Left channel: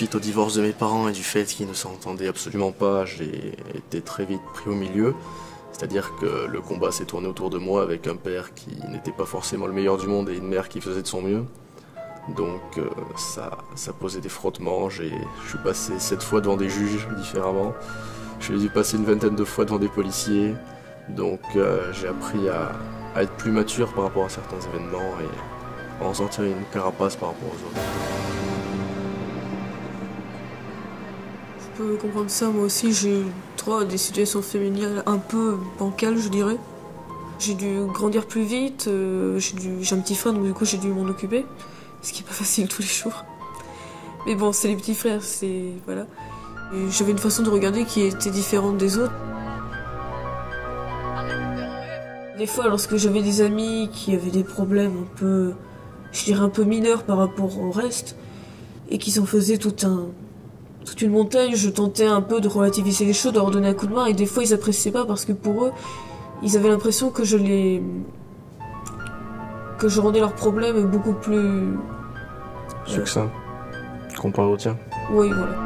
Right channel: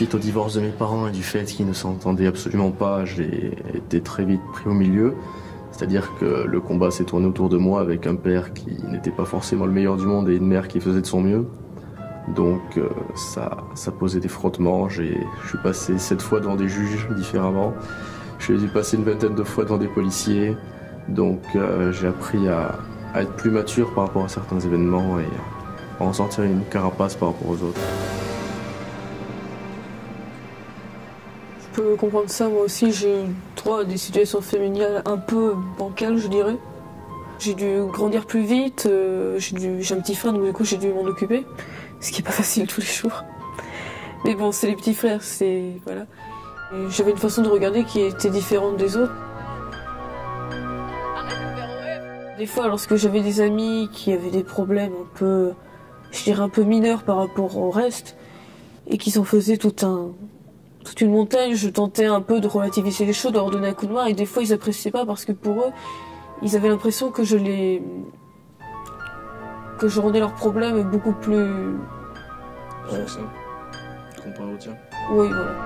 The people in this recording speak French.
Suite au divorce de mes parents et du fait qu'ils ne s'entendaient absolument pas, j'ai été très vite pris au milieu. C'est-à-dire que le combat s'est tourné autour de moi avec un père qui n'était pas forcément le meilleur du monde et une mère qui faisait de son mieux. Donc ça posait des frottements. Je suis passé 7 fois devant des juges différemment. Je suis passé une vingtaine de fois devant des policiers. Donc j'ai appris à être plus mature par rapport à certains événements et à en sortir une carapace par rapport aux autres. Je peux comprendre ça, moi aussi j'ai eu droit à des situations familiales un peu bancales, je dirais. J'ai dû grandir plus vite, j'ai un petit frère donc du coup j'ai dû m'en occuper, ce qui est pas facile tous les jours. Mais bon, c'est les petits frères, c'est... voilà. J'avais une façon de regarder qui était différente des autres. Des fois, lorsque j'avais des amis qui avaient des problèmes un peu, je dirais un peu mineurs par rapport au reste, et qui s'en faisaient toute une montagne, je tentais un peu de relativiser les choses, de leur donner un coup de main, et des fois ils appréciaient pas parce que pour eux, ils avaient l'impression que je rendais leurs problèmes beaucoup plus... Succinct, comparé au tien. Oui, voilà.